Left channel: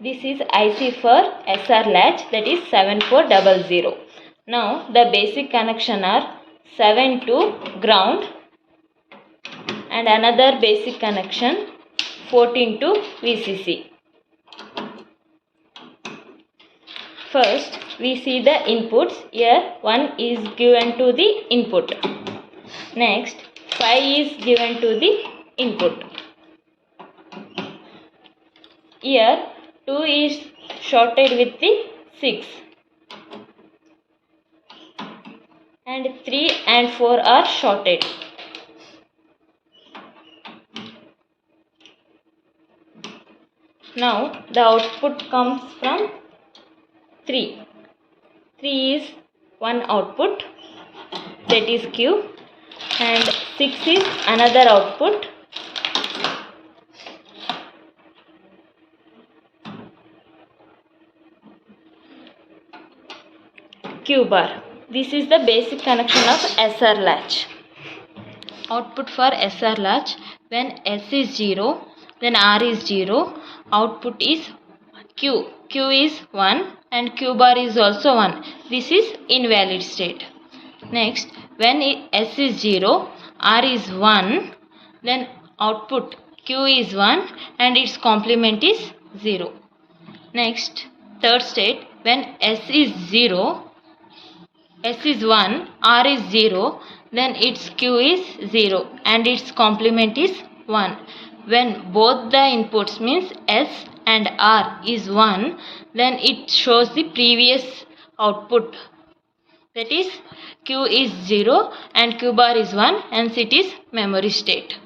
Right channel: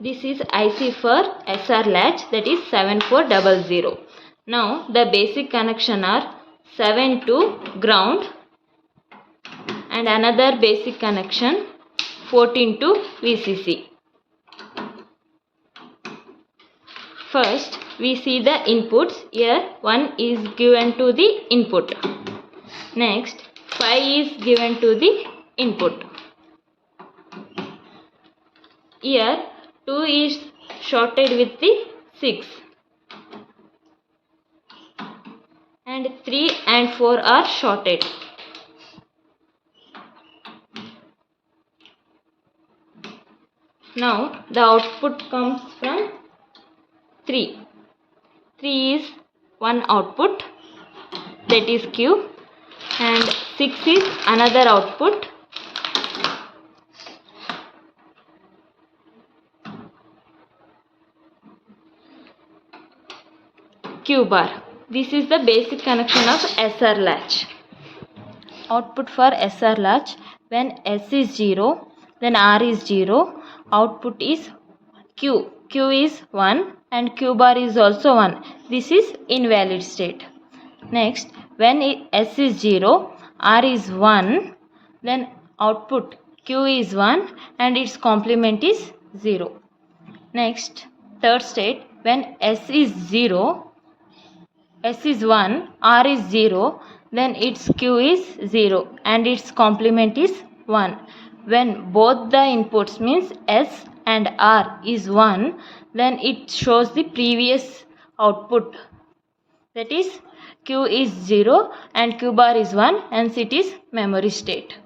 This is IC for SR latch, that is 7400. Now the basic connection are 7 to ground and another basic connection 14 to VCC. First we see the inputs. Here 1 is given to the input. Next 5 is given to the input. Here 2 is shorted with the 6 and 3 and 4 are shorted. Now the output comes from 3. 3 is one output, that is Q, and 6 is another output. Q bar. This is the basic connection of SR latch. Output for SR latch, when S is 0, then R is 0, output is Q. Q is 1 and Q bar is also 1. This is invalid state. Next, when S is 0, R is 1, then output Q is 1 and its complement is 0. Next, third state, when S is 0, S is 1, R is 0, then its Q is 0 and its complement is 1. When both the inputs means S and R is 1, then it shows the previous output, that is Q is 0 and Q bar is 1, hence it is memory state.